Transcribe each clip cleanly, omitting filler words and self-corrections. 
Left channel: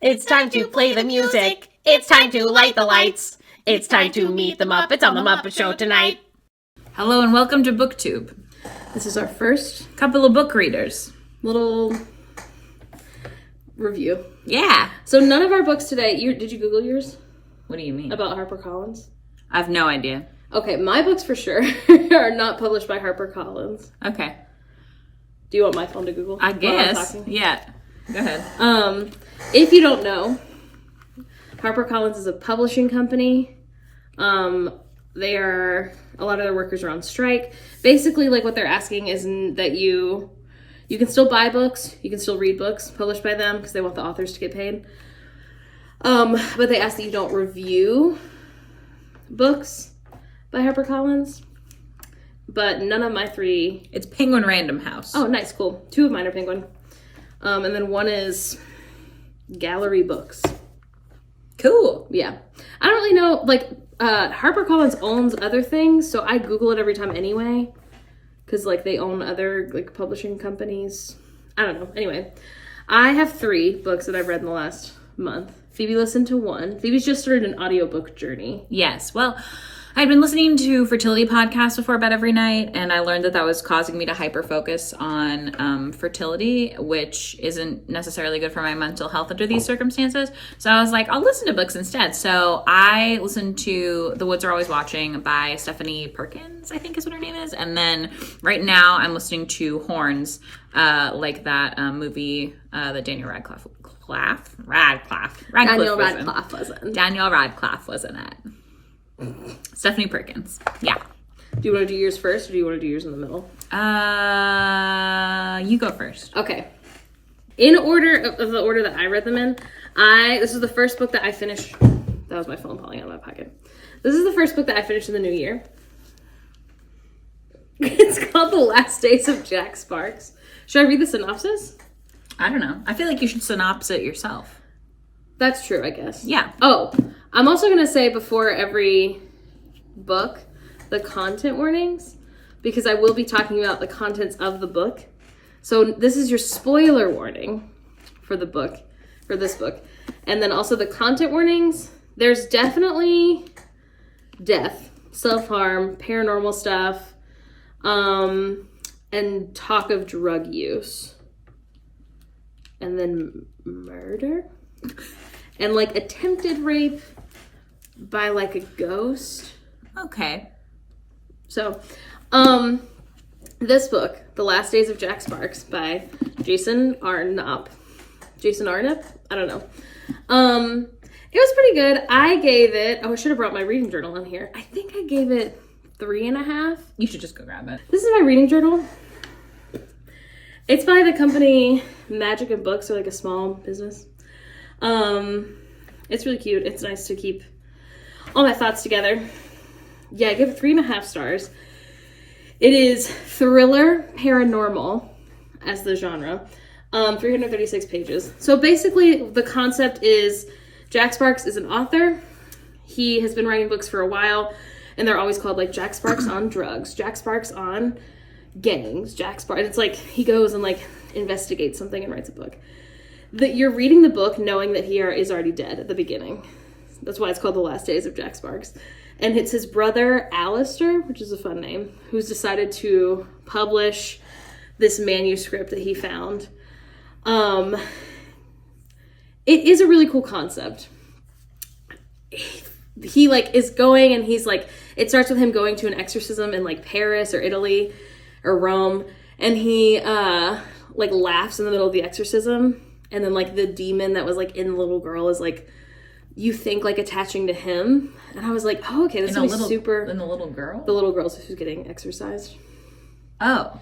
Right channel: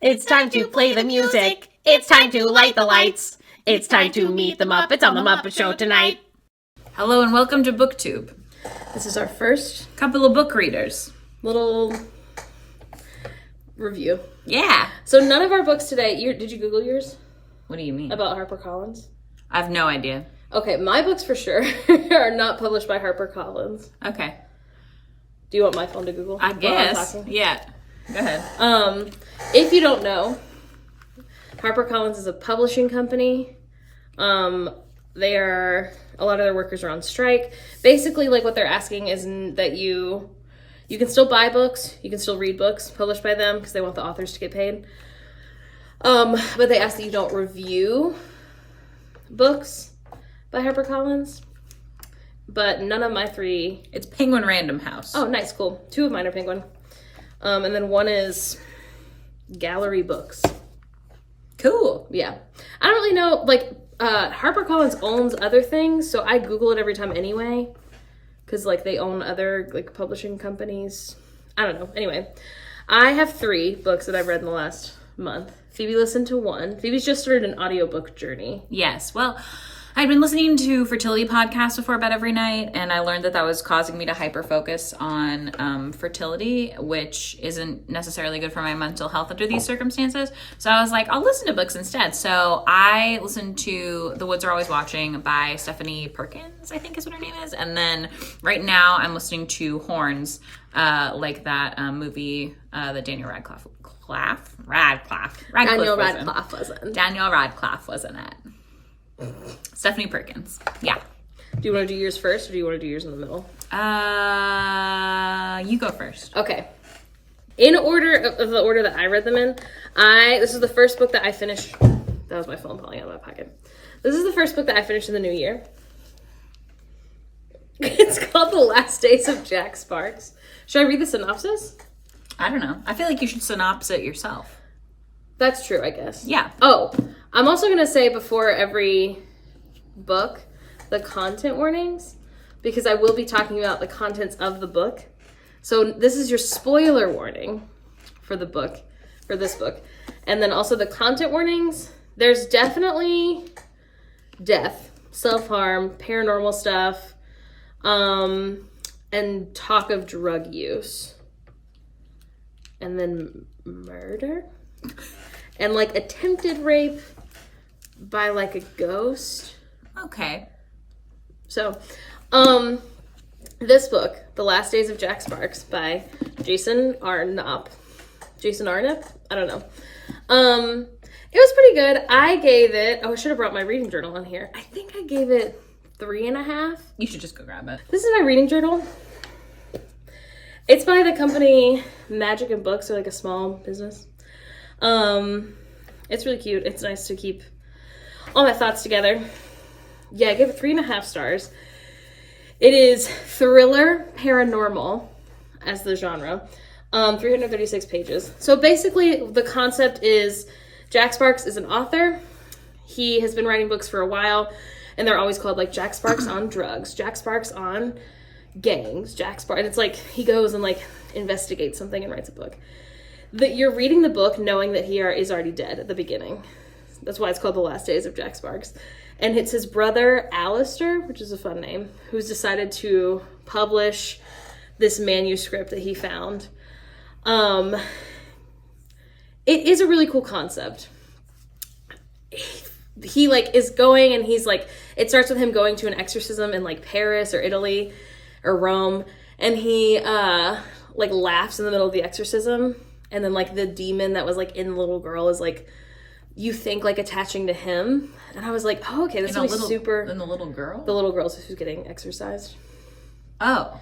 It's time to play the music. It's time to light the lights. It's time to meet the Muppets on the Muppet Show tonight. Hello and welcome to BookTube. This is our first Couple of book readers. little review. Yeah. So none of our books today, did you Google yours? What do you mean? About HarperCollins? I have no idea. Okay, my books for sure are not published by HarperCollins. Okay. Do you want my phone to Google? I guess. Yeah. Go ahead. If you don't know, HarperCollins is a publishing company. They are, a lot of their workers are on strike. Basically, like, what they're asking is that you can still buy books, you can still read books published by them because they want the authors to get paid. But they ask that you don't review books by HarperCollins. But none of my three... It's Penguin Random House. Oh, nice, cool. Two of mine are Penguin. And then one is Gallery Books. Cool. Yeah. I don't really know, like, HarperCollins owns other things, so I Google it every time anyway. Because, like, they own other, like, publishing companies. I don't know. Anyway, I have 3 books that I've read in the last month. Phoebe listened to 1. Phoebe's just started an audiobook journey. Yes. Well, I'd been listening to fertility podcasts before bed every night, and I learned that was causing me to hyper-focus on fertility, which isn't necessarily good for my mental health under these circumstances. So I was like, I'll listen to books instead. So I listened to The Woods Are Always Watching by Stephanie Perkins, I think is what her name is. And then right now I'm listening to Horns, like that movie that Daniel Radcliffe was in it. Stephanie Perkins. Yeah. Do you want to do yours first, or do you want to do yours in the middle? You go first. Okay. In order of the order that I read them in, this is the first book that I finished. That was my phone falling out of my pocket. This is the first book that I finished in the new year. It's called The Last Days of Jack Sparks. Should I read the synopsis? I don't know. I feel like you should synopsis it yourself. That's true, I guess. Yeah. Oh, I'm also going to say before every book, the content warnings, because I will be talking about the contents of the book. So this is your spoiler warning for the book, for this book. And then also the content warnings. There's definitely death, self-harm, paranormal stuff, and talk of drug use. And then murder. And, like, attempted rape by, like, a ghost. Okay. So, this book, The Last Days of Jack Sparks by Jason Arnott. I don't know. It was pretty good. I gave it... Oh, I should have brought my reading journal on here. I think I gave it 3.5. You should just go grab it. This is my reading journal. It's by the company Magic and Books, or like a small business. It's really cute. It's nice to keep all my thoughts together. Yeah, I give it 3.5 stars. It is thriller paranormal as the genre. 336 pages. So basically the concept is Jack Sparks is an author. He has been writing books for a while, and they're always called like Jack Sparks on drugs, Jack Sparks on gangs, Jack Sparks. It's like he goes and like investigates something and writes a book. You're reading the book knowing that he is already dead at the beginning. That's why it's called The Last Days of Jack Sparks. And it's his brother, Alistair, which is a fun name, who's decided to publish this manuscript that he found. It is a really cool concept. He, like, is going and he's, like, it starts with him going to an exorcism in, like, Paris or Italy or Rome. And he, like, laughs in the middle of the exorcism. And then, like, the demon that was, like, in the little girl is, like, you think, like, attaching to him. And I was like, oh, okay, this is super... And the little girl? The little girl who's getting exorcised. Oh.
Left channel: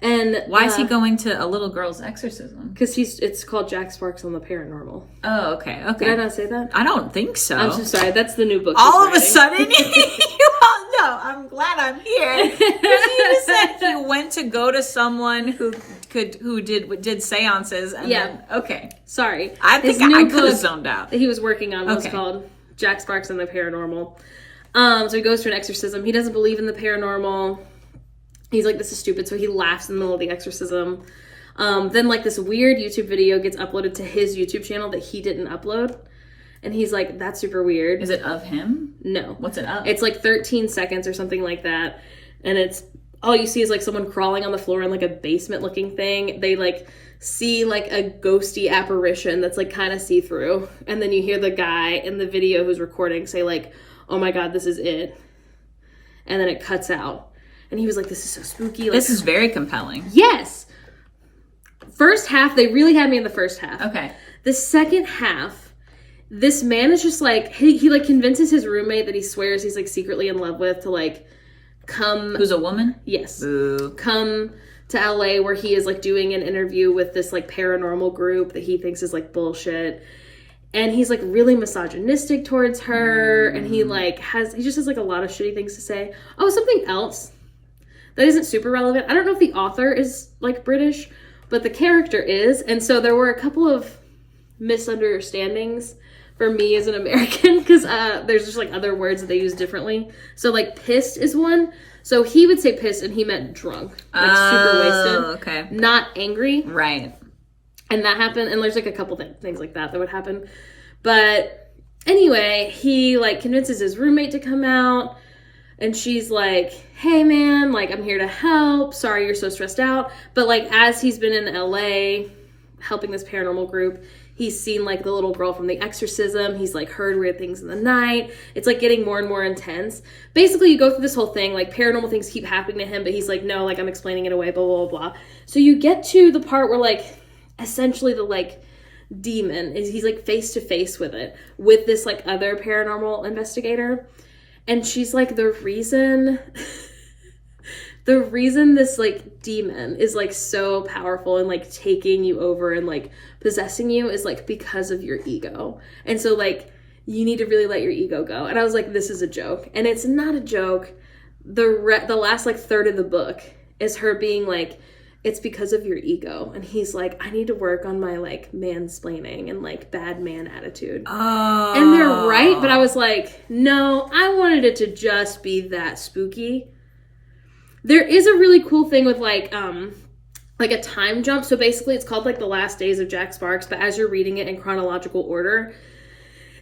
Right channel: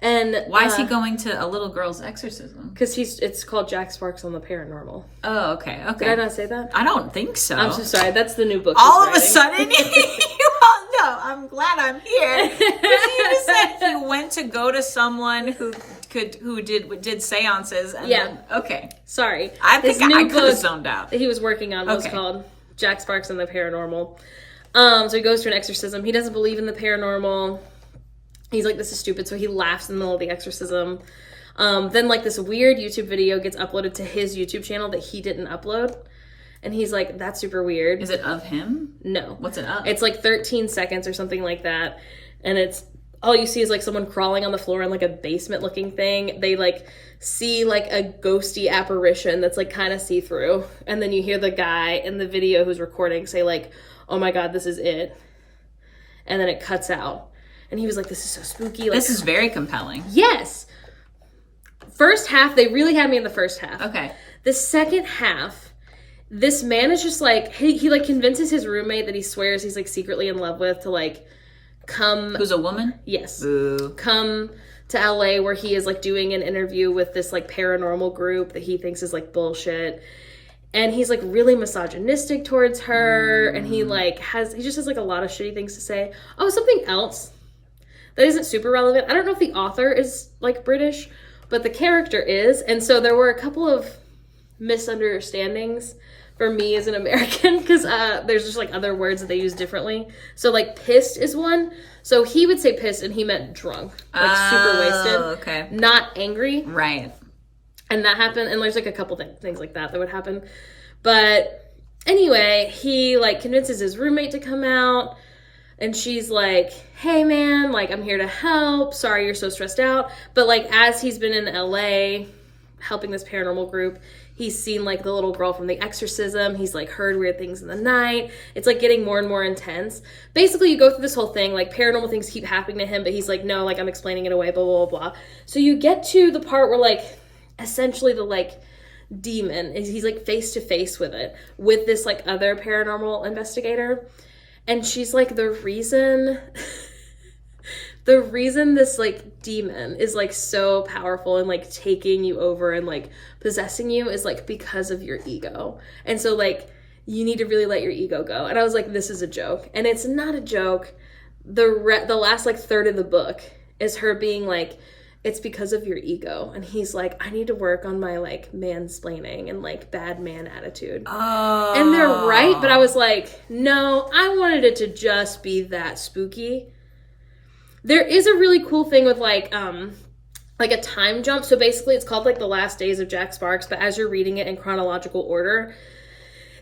And why is he going to a little girl's exorcism? Because it's called Jack Sparks on the Paranormal. Oh, okay. Did I not say that? I don't think so. I'm so sorry. That's the new book. All of a sudden, no, I'm glad I'm here. Because you just said you went to go to someone who did seances, and then, okay. Sorry. I think I could have zoned out. That he was working on was called Jack Sparks and the Paranormal. So he goes to an exorcism. He doesn't believe in the paranormal. He's like, this is stupid. So he laughs in the middle of the exorcism. Then like this weird YouTube video gets uploaded to his YouTube channel that he didn't upload. And he's like, that's super weird. Is it of him? No. What's it of? It's like 13 seconds or something like that. And it's, all you see is like someone crawling on the floor in like a basement looking thing. They like see like a ghosty apparition that's like kind of see-through. And then you hear the guy in the video who's recording say like, oh my God, this is it. And then it cuts out. And he was like, this is so spooky. Like, this is very compelling. Yes. First half, they really had me in the first half. Okay. The second half, this man is just like, he like convinces his roommate that he swears he's like secretly in love with to like come. Who's a woman? Yes. Boo. Come to LA where he is like doing an interview with this like paranormal group that he thinks is like bullshit. And he's like really misogynistic towards her. And he just has like a lot of shitty things to say. Oh, something else that isn't super relevant. I don't know if the author is like British, but the character is. And so there were a couple of misunderstandings for me as an American, because there's just like other words that they use differently. So like pissed is one. So he would say pissed and he meant drunk, like super wasted. Okay. Not angry. Right. And that happened, and there's like a couple things like that would happen. But anyway, he like convinces his roommate to come out, and she's like, hey man, like I'm here to help. Sorry you're so stressed out. But like as he's been in LA helping this paranormal group, he's seen like the little girl from The Exorcism. He's like heard weird things in the night. It's like getting more and more intense. Basically, you go through this whole thing, like paranormal things keep happening to him, but he's like, no, like I'm explaining it away, blah, blah, blah, blah. So you get to the part where like essentially the like demon is, he's like face to face with it, with this like other paranormal investigator. And she's like, the reason this like demon is like so powerful and like taking you over and like possessing you is like because of your ego. And so like you need to really let your ego go. And I was like, this is a joke. And it's not a joke. The last like third of the book is her being like, it's because of your ego. And he's like, I need to work on my like mansplaining and like bad man attitude. Oh. And they're right, but I was like, no, I wanted it to just be that spooky. There is a really cool thing with like a time jump. So basically it's called like The Last Days of Jack Sparks, but as you're reading it in chronological order,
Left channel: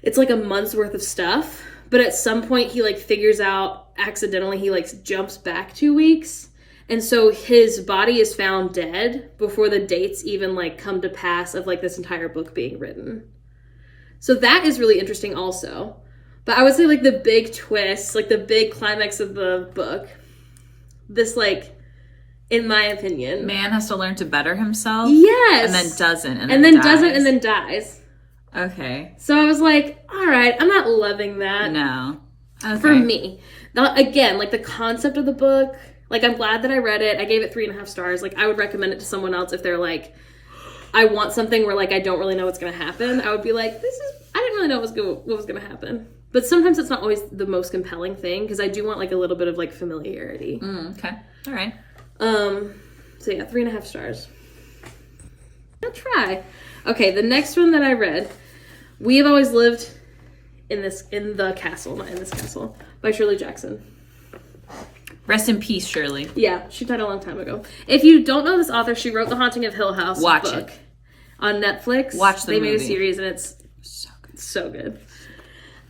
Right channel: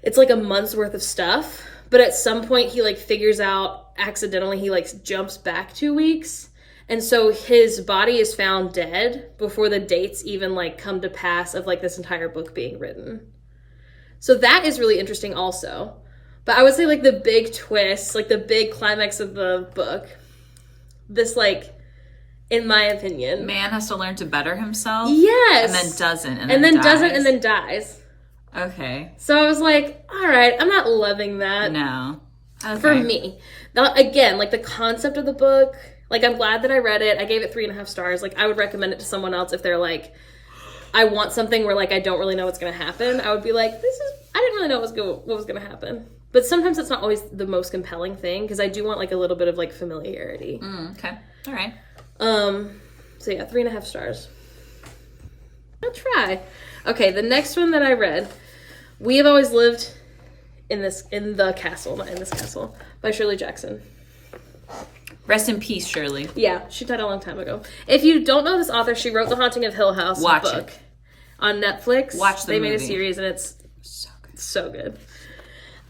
it's like a month's worth of stuff. But at some point he like figures out accidentally, he like jumps back 2 weeks. And so his body is found dead before the dates even like come to pass of like this entire book being written. So that is really interesting also. But I would say like the big twist, like the big climax of the book, this like, in my opinion, man has to learn to better himself. Yes. And then doesn't. And then doesn't and then dies. Okay. So I was like, all right, I'm not loving that. No. Okay. For me. Now, again, like the concept of the book, like I'm glad that I read it. I gave it 3.5 stars. Like I would recommend it to someone else if they're like, I want something where like I don't really know what's going to happen. I would be like, I didn't really know what was going to happen. But sometimes it's not always the most compelling thing, because I do want like a little bit of like familiarity. Okay. All right. So yeah, 3.5 stars. I'll try. Okay, the next one that I read, We Have Always Lived in the Castle, not in this castle, by Shirley Jackson. Rest in peace, Shirley. Yeah, she died a long time ago. If you don't know this author, she wrote The Haunting of Hill House book on Netflix. Watch the movie. They made a series and it's so good.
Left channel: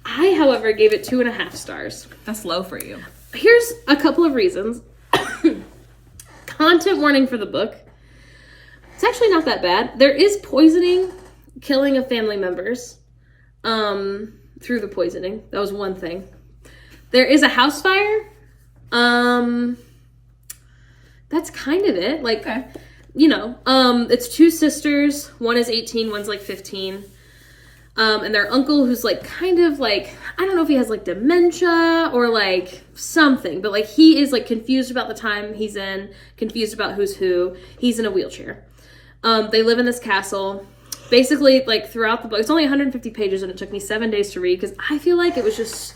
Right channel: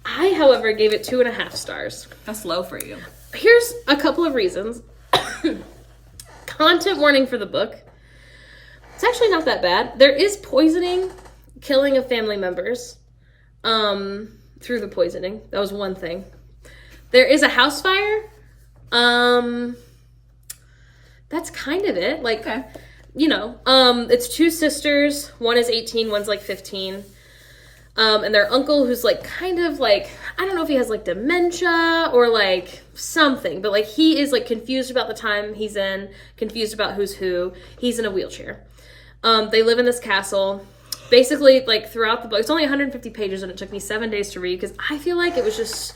I, however, gave it 2.5 stars. That's low for you. Here's a couple of reasons. Content warning for the book. It's actually not that bad. There is poisoning, killing of family members through the poisoning. That was one thing. There is a house fire. That's kind of it. Like, okay. You know, it's 2 sisters. One is 18, one's like 15. And their uncle, who's like kind of like, I don't know if he has like dementia or like something, but like he is like confused about the time he's in, confused about who's who. He's in a wheelchair. They live in this castle. Basically, like throughout the book, it's only 150 pages and it took me 7 days to read because I feel like it was just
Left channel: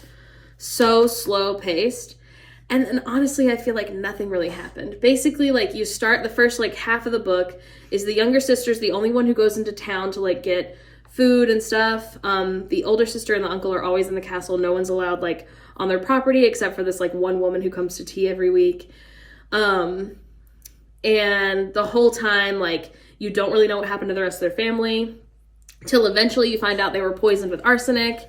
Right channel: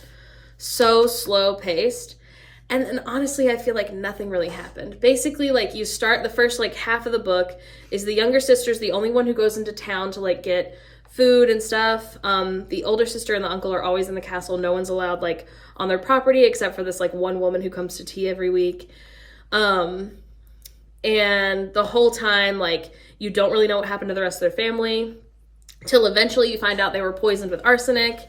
so slow paced. And honestly, I feel like nothing really happened. Basically, like you start, the first like half of the book is the younger sister's the only one who goes into town to like get food and stuff. The older sister and the uncle are always in the castle. No one's allowed like on their property except for this like one woman who comes to tea every week. And And the whole time, like, you don't really know what happened to the rest of their family, till eventually you find out they were poisoned with arsenic.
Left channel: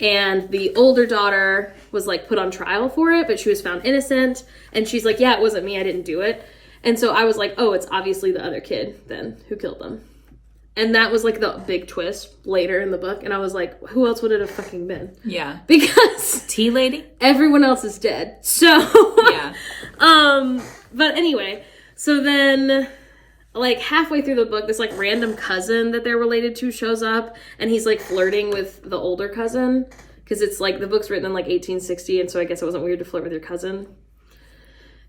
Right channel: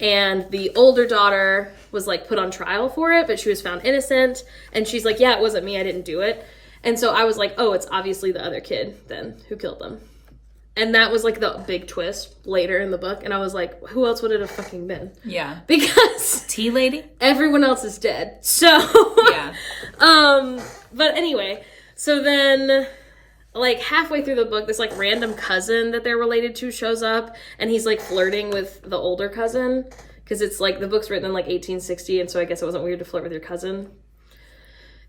And the older daughter was, like, put on trial for it, but she was found innocent. And she's like, yeah, it wasn't me, I didn't do it. And so I was like, oh, it's obviously the other kid, then, who killed them. And that was, like, the big twist later in the book. And I was like, who else would it have fucking been? Yeah. Because... Tea lady? Everyone else is dead. So... Yeah. But anyway, so then... like, halfway through the book, this, like, random cousin that they're related to shows up, and he's, like, flirting with the older cousin, because it's, like, the book's written in, like, 1860, and so I guess it wasn't weird to flirt with your cousin.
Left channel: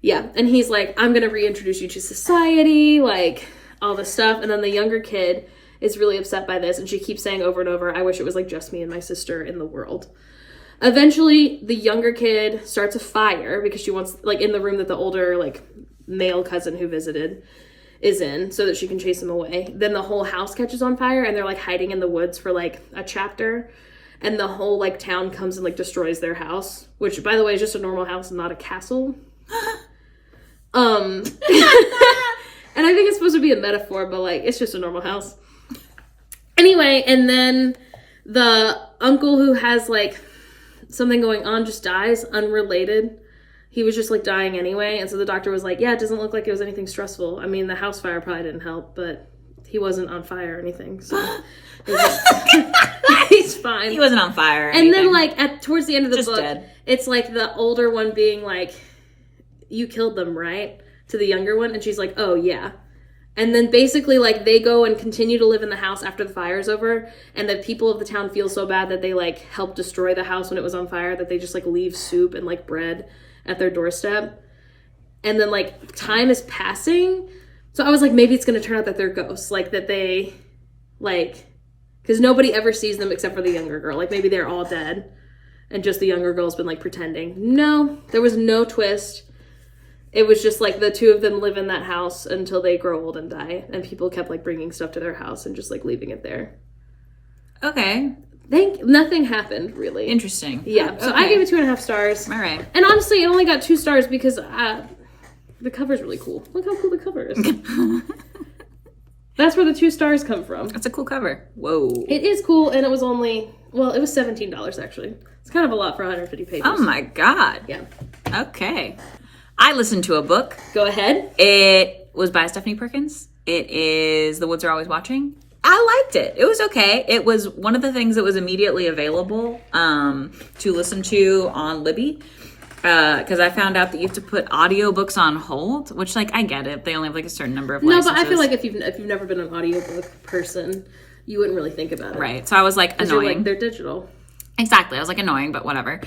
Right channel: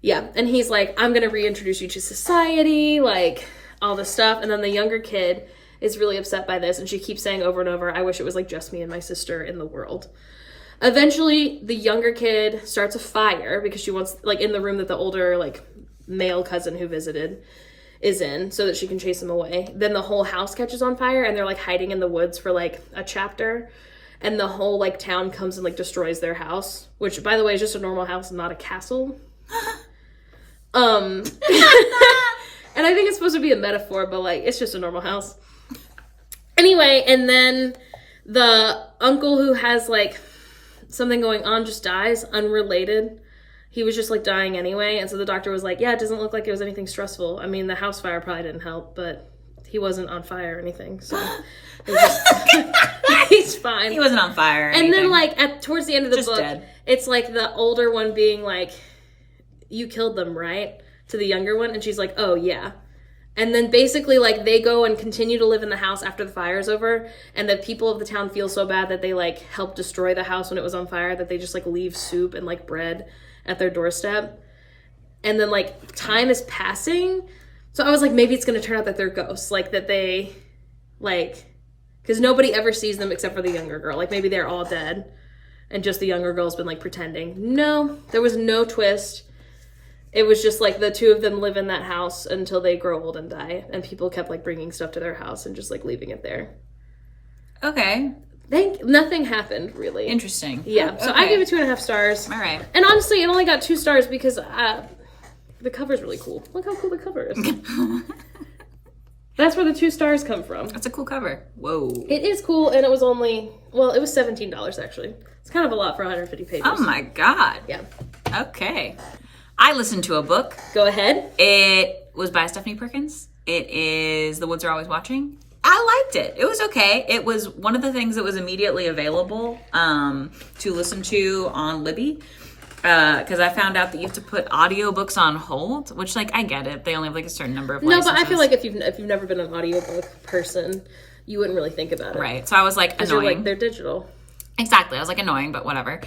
Yeah, and he's like, I'm gonna reintroduce you to society, like, all this stuff, and then the younger kid is really upset by this, and she keeps saying over and over, I wish it was, like, just me and my sister in the world. Eventually, the younger kid starts a fire, because she wants, like, in the room that the older, like, male cousin who visited is in, so that she can chase him away. Then the whole house catches on fire, and they're, like, hiding in the woods for, like, a chapter, and the whole, like, town comes and, like, destroys their house, which, by the way, is just a normal house, not a castle. And I think it's supposed to be a metaphor, but, like, it's just a normal house. Anyway, and then the uncle who has, like, something going on just dies, unrelated. He was just, like, dying anyway, and so the doctor was like, yeah, it doesn't look like it was anything stressful. I mean, the house fire probably didn't help, but he wasn't on fire or anything, so he's fine. He wasn't on fire or and anything. then, like, towards the end of the Just book, dead. It's, like, the older one being like, you killed them, right? To the younger one, and she's like, oh, yeah. And then basically, like, they go and continue to live in the house after the fire's over, and the people of the town feel so bad that they, like, helped destroy the house when it was on fire, that they just, like, leave soup and, like, bread at their doorstep. And then, like, time is passing, so I was like, maybe it's gonna turn out that they're ghosts, like, that they, like, because nobody ever sees them except for the younger girl, like, maybe they're all dead, and just the younger girl's been, like, pretending. No, there was no twist. It was just, like, the two of them live in that house until they grow old and die, and people kept, like, bringing stuff to their house and just, like, leaving it there. Okay. Nothing happened, really. Interesting. Yeah, so okay. I gave it 2.5 stars. All right. And honestly, it only got 2 stars because the cover's really cool. Look how cool the cover is. That's where the 2 stars come from. That's a cool cover. Whoa. It is cool, and it was only, well, it was $17, actually. It's kind of a lot for 150 pages. Oh my god. Yeah. Okay. I listened to a book. Go ahead. It was by Stephanie Perkins. It is The Woods Are Always Watching. I liked it. It was okay. It was one of the things that was immediately available to listen to on Libby. Because I found out that you have to put audiobooks on hold, which, like, I get it. They only have, like, a certain number of licenses. No, but I feel like if you've never been an audiobook person, you wouldn't really think about it. Right. So I was, like, annoying. Like, they're digital. Exactly. I was, like, annoying, but whatever.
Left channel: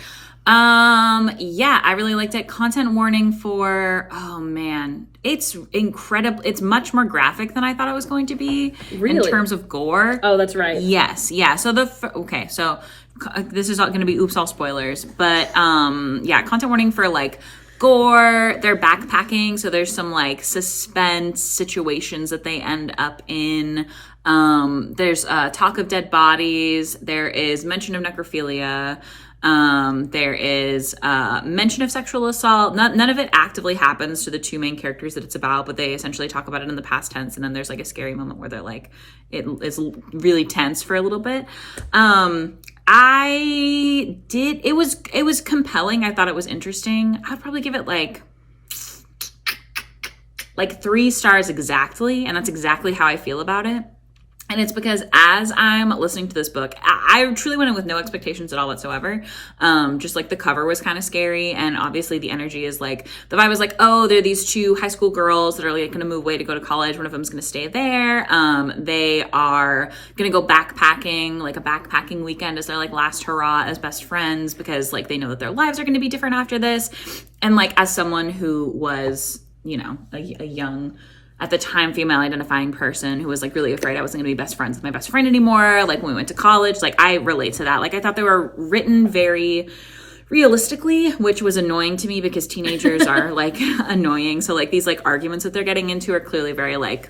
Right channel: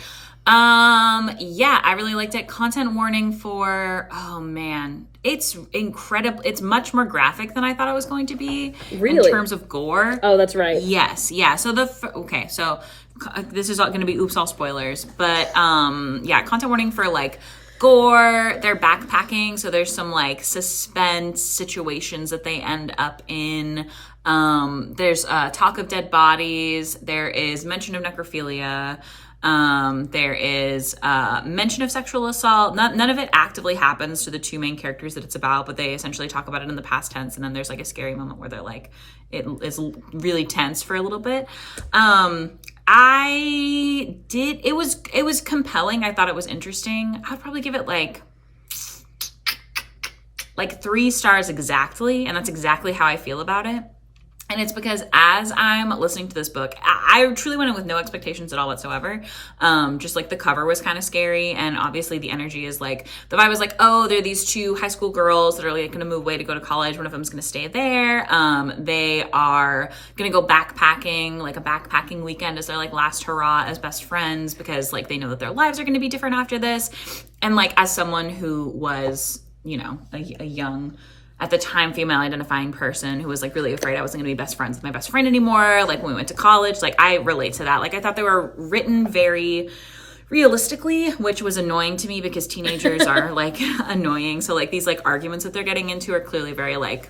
Yeah, I really liked it. Content warning for, oh man, it's incredible. It's much more graphic than I thought it was going to be. Really? In terms of gore. Oh, that's right. Yes. Yeah. So so this is going to be oops, all spoilers, but, yeah, content warning for, like, gore. They're backpacking. So there's some, like, suspense situations that they end up in. There's talk of dead bodies. There is mention of necrophilia. There is mention of sexual assault. None of it actively happens to the 2 main characters that it's about, but they essentially talk about it in the past tense, and then there's, like, a scary moment where they're like, it is really tense for a little bit. It was compelling. I thought it was interesting. I'd probably give it like 3 stars exactly, and that's exactly how I feel about it. And it's because as I'm listening to this book, I truly went in with no expectations at all whatsoever. Just, like, the cover was kind of scary. And obviously the energy is, like, the vibe was like, oh, there are these 2 high school girls that are, like, going to move away to go to college. One of them's going to stay there. They are going to go backpacking, like a backpacking weekend as their, like, last hurrah as best friends, because, like, they know that their lives are going to be different after this. And, like, as someone who was, you know, a young, at the time, female identifying person who was, like, really afraid I wasn't gonna be best friends with my best friend anymore, like, when we went to college, like, I relate to that. Like, I thought they were written very realistically, which was annoying to me because teenagers are, like, annoying. So, like, these, like, arguments that they're getting into are clearly very, like,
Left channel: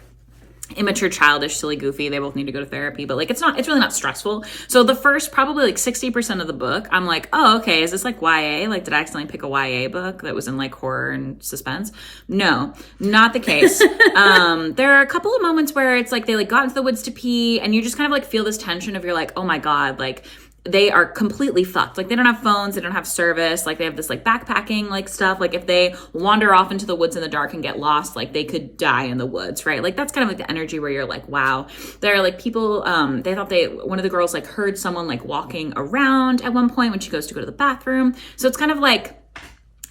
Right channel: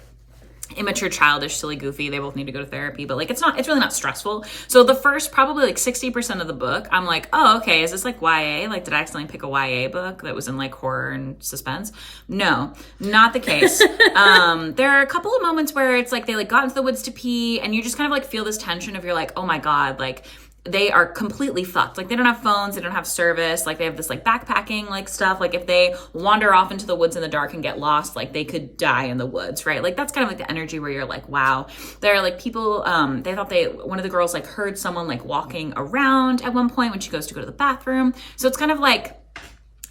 immature, childish, silly, goofy. They both need to go to therapy, but like it's really not stressful. So the first probably like 60% of the book, I'm like, oh, okay, is this like YA? Like, did I accidentally pick a YA book that was in like horror and suspense? No, not the case. There are a couple of moments where it's like they like got into the woods to pee, and you just kind of like feel this tension of you're like, oh my God, like they are completely fucked. Like they don't have phones, they don't have service, like they have this like backpacking like stuff. Like if they wander off into the woods in the dark and get lost, like they could die in the woods, right? Like that's kind of like the energy where you're like, wow. There are like people, they thought one of the girls like heard someone like walking around at one point when she goes to go to the bathroom. So it's kind of like,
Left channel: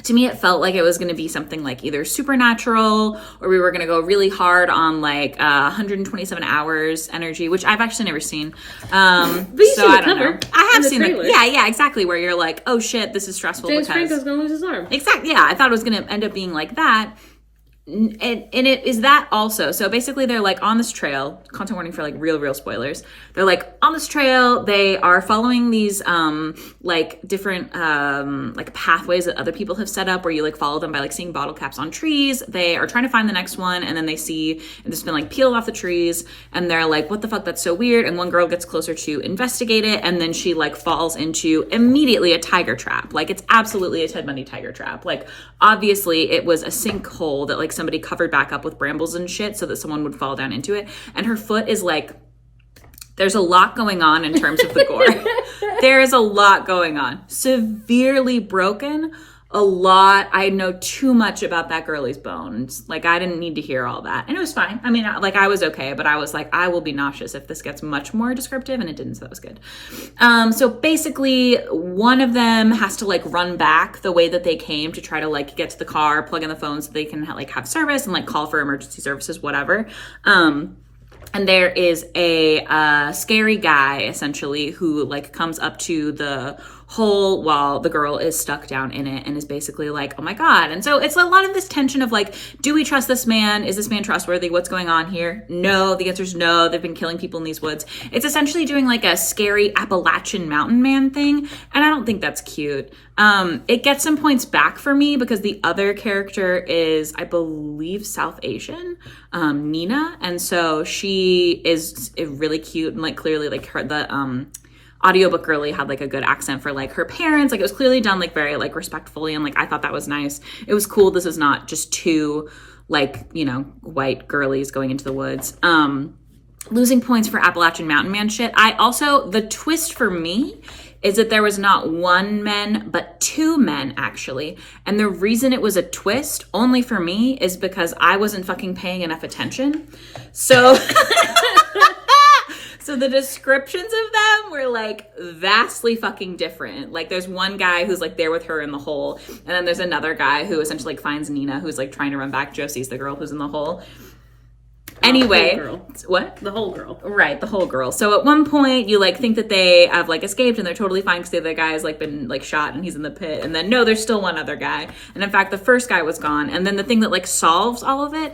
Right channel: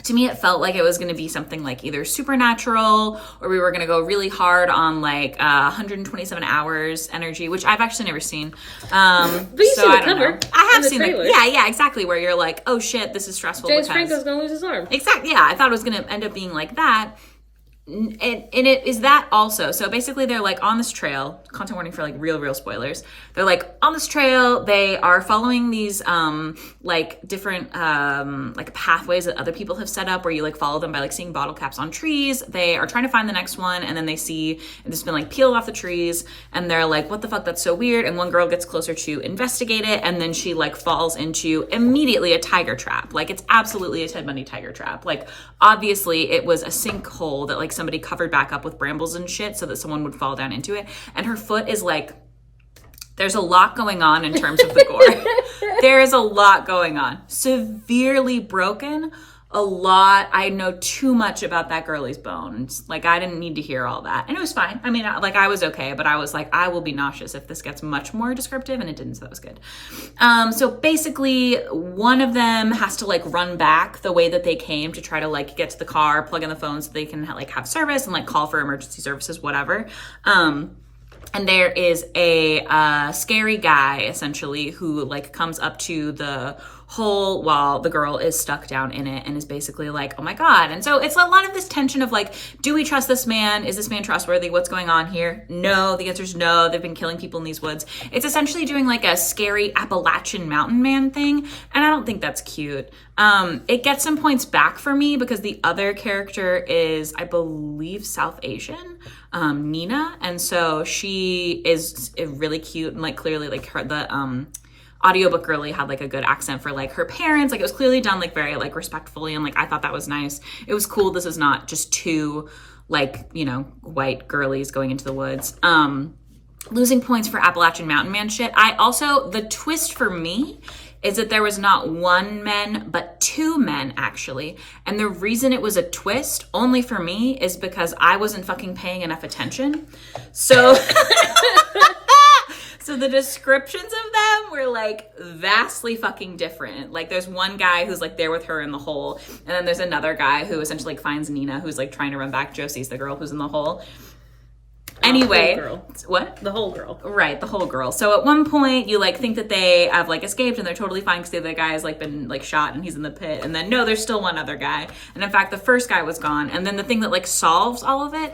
to me, it felt like it was going to be something like either supernatural, or we were going to go really hard on like 127 hours energy, which I've actually never seen. So I don't know. I have seen the yeah, exactly. Where you're like, oh shit, this is stressful. James because Franco's going to lose his arm. Exactly. Yeah, I thought it was going to end up being like that. And it is that also. So basically they're like on this trail, content warning for like real spoilers. They're like on this trail, they are following these like different like pathways that other people have set up where you like follow them by like seeing bottle caps on trees. They are trying to find the next one, and then they see it's been like peeled off the trees, and they're like, what the fuck, that's so weird. And one girl gets closer to investigate it, and then she like falls into immediately a tiger trap. Like it's absolutely a Ted Bundy tiger trap. Like obviously it was a sinkhole that like somebody covered back up with brambles and shit so that someone would fall down into it. And her foot is like, there's a lot going on in terms of the gore. There is a lot going on. Severely broken. A lot. I know too much about that girlie's bones. Like I didn't need to hear all that. And it was fine. I mean, like I was okay, but I was like, I will be nauseous if this gets much more descriptive, and it didn't, so that was good. So basically one of them has to like run back the way that they came to try to like get to the car, plug in the phone so they can like have service and like call for emergency services, whatever. And there is a scary guy essentially who like comes up to the hole while the girl is stuck down in it and is basically like, oh my God. And so it's a lot of this tension of like, do we trust this man? Is this man trustworthy? What's going on here? No, the answer is no. They've been killing people in these woods. It's essentially doing like a scary Appalachian mountain man thing. And I don't think that's cute. It gets some points back for me because the other character is, I believe, South Asian, Nina. And so she is really cute and like clearly like the audiobook girly had like a good accent for like her parents. Like it was clearly done like very like respectfully, and like I thought that was nice. It was cool. This is not just two like, you know, white girlies going into the woods. Losing points for Appalachian Mountain Man shit. The twist for me is that there was not one man, but two men actually. And the reason it was a twist only for me is because I wasn't fucking paying enough attention. So so the descriptions of them were like vastly fucking different. Like there's one guy who's like there with her in the hole, and then there's another guy who essentially like finds Nina, who's like trying to run back. Josie's the girl who's in the hole. Anyway, what? The whole girl. Right, the whole girl. So at one point you like think that they have like escaped and they're totally fine because the other guy has like been like shot and he's in the pit. And then no, there's still one other guy. And in fact, the first guy was gone. And then the thing that like solves all of it,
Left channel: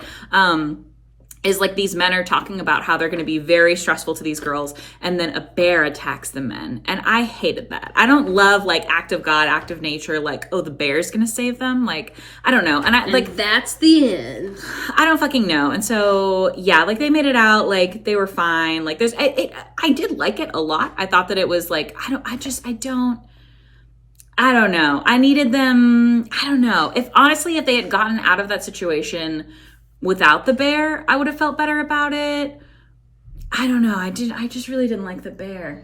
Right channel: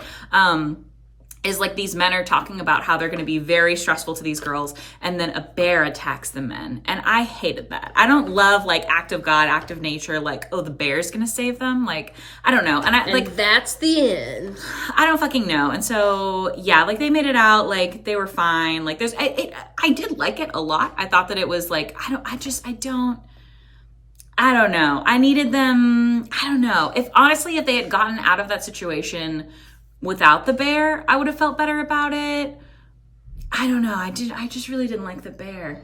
is like these men are talking about how they're going to be very stressful to these girls, and then a bear attacks the men. And I hated that. I don't love like act of God, act of nature, like, oh, the bear's going to save them. Like, I don't know. And like, that's the end. I don't fucking know. And so, yeah, like they made it out, like they were fine. Like I did like it a lot. I thought that it was like, I don't know. I needed them. I don't know. If they had gotten out of that situation without the bear, I would have felt better about it. I don't know. I just really didn't like the bear.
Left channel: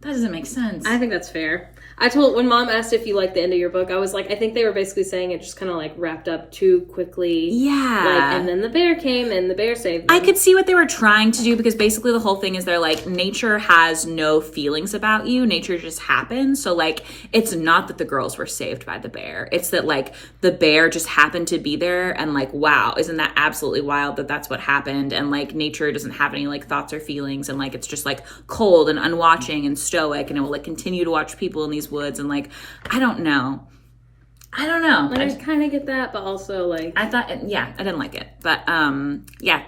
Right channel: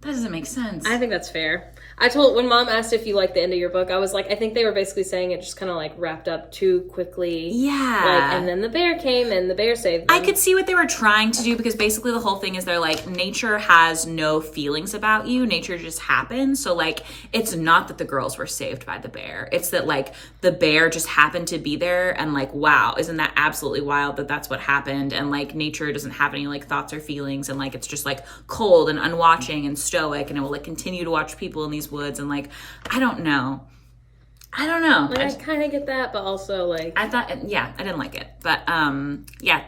That doesn't make sense. I think that's fair. When Mom asked if you liked the end of your book, I was like, I think they were basically saying it just kind of like wrapped up too quickly. Yeah. Like, and then the bear came and the bear saved them. I could see what they were trying to do, because basically the whole thing is they're like, nature has no feelings about you. Nature just happens. So like, it's not that the girls were saved by the bear. It's that like the bear just happened to be there, and like, wow, isn't that absolutely wild that that's what happened? And like nature doesn't have any like thoughts or feelings, and like it's just like cold and unwatching and stoic, and it will like continue to watch people in these woods. And like, I don't know. I kind of get that, but also like, I didn't like it, but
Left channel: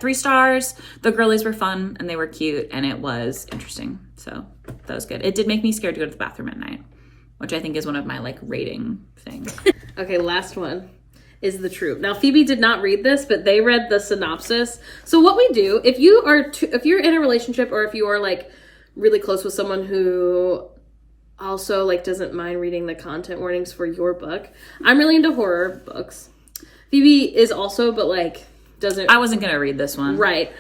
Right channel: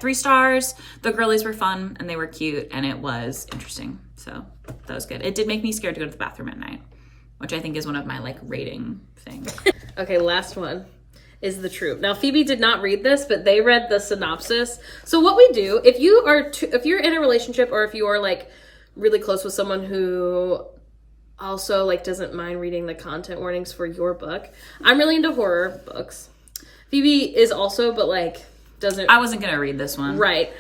3 stars. The girlies were fun and they were cute and it was interesting, so that was good. It did make me scared to go to the bathroom at night, which I think is one of my like rating things. Okay, last one. is the troop. Now, Phoebe did not read this, but they read the synopsis. So what we do, if you're in a relationship, or if you are like really close with someone who also like doesn't mind reading the content warnings for your book. I'm really into horror books. Phoebe is also, but like doesn't. I wasn't gonna read this one. Right.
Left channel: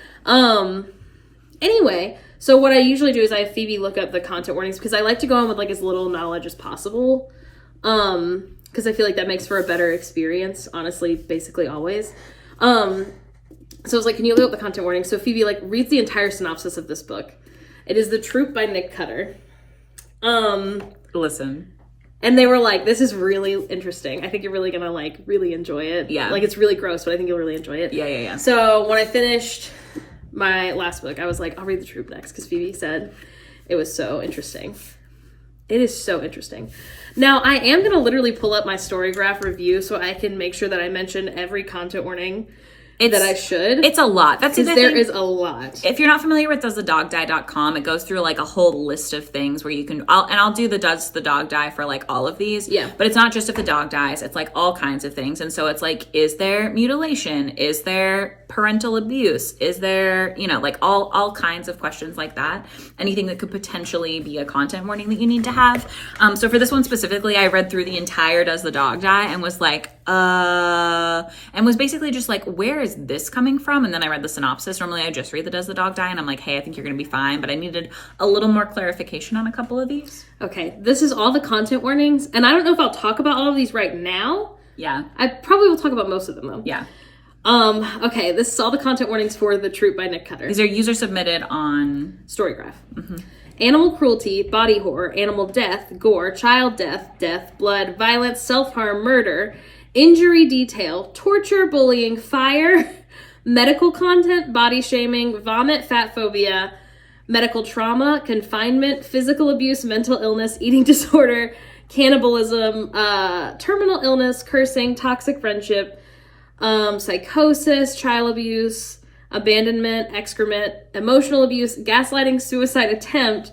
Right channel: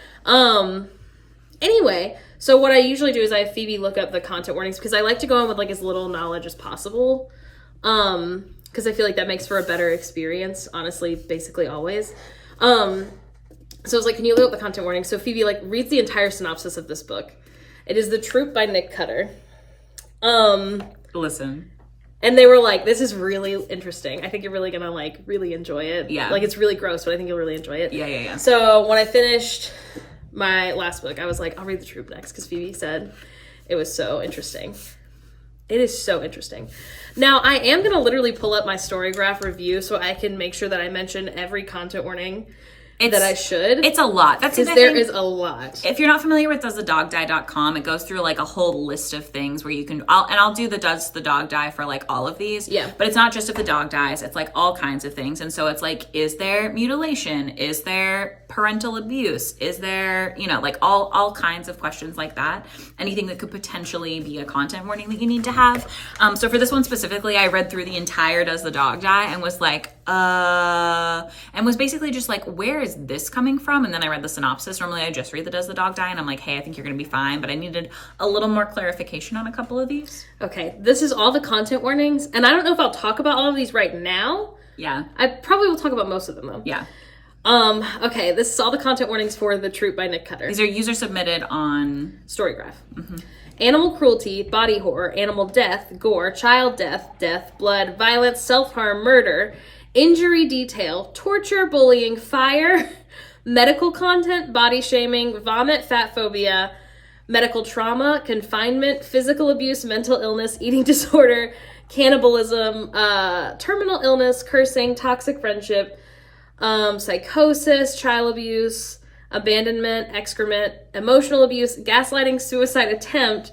Anyway, so what I usually do is I have Phoebe look up the content warnings because I like to go on with like as little knowledge as possible. Because I feel like that makes for a better experience, honestly, basically always. So I was like, can you look up the content warning? So Phoebe like reads the entire synopsis of this book. It is The Troop by Nick Cutter. Listen. And they were like, this is really interesting. I think you're really gonna like really enjoy it. Yeah. Like it's really gross, but I think you'll really enjoy it. Yeah. So when I finished my last book, I was like, I'll read The Troop next because Phoebe said it was so interesting. It is so interesting. Now, I am going to literally pull up my Storygraph review so I can make sure that I mention every content warning that I should. It's a lot. That's the thing. There is a lot. If you're not familiar with doesthedogdie.com, it goes through like a whole list of things where you can, I'll do the does the dog die for like all of these. Yeah. But it's not just if a dog dies, it's like all kinds of things. And so it's like, is there mutilation? Is there parental abuse? Is there, like all kinds of questions like that. Anything that could potentially be a content warning that you need to have. So for this one specifically, I read through the entire Does the Dog Die and was like, and was basically just like, where is this coming from? And then I read the synopsis. Normally I just read the Does the Dog Die and I'm like, hey, I think you're going to be fine. But I needed a little more clarification on a couple of these. Okay, this is all the content warnings. And I don't know if I'll talk about all of these right now. Yeah. I probably will talk about most of them though. Yeah. Okay, this is all the content warnings for The Troop by Nick Cutter. These are user submitted on Storygraph. Mm-hmm. Animal cruelty, body horror, animal death, gore, child death, blood, violence, self-harm, murder, injury detail, torture, bullying, fire, medical content, body shaming, vomit, fat phobia, medical trauma, confinement, physical abuse, mental illness, eating disorder, cannibalism, terminal illness, cursing, toxic friendship, psychosis, child abuse, abandonment, excrement, emotional abuse, gaslighting, suicide attempt,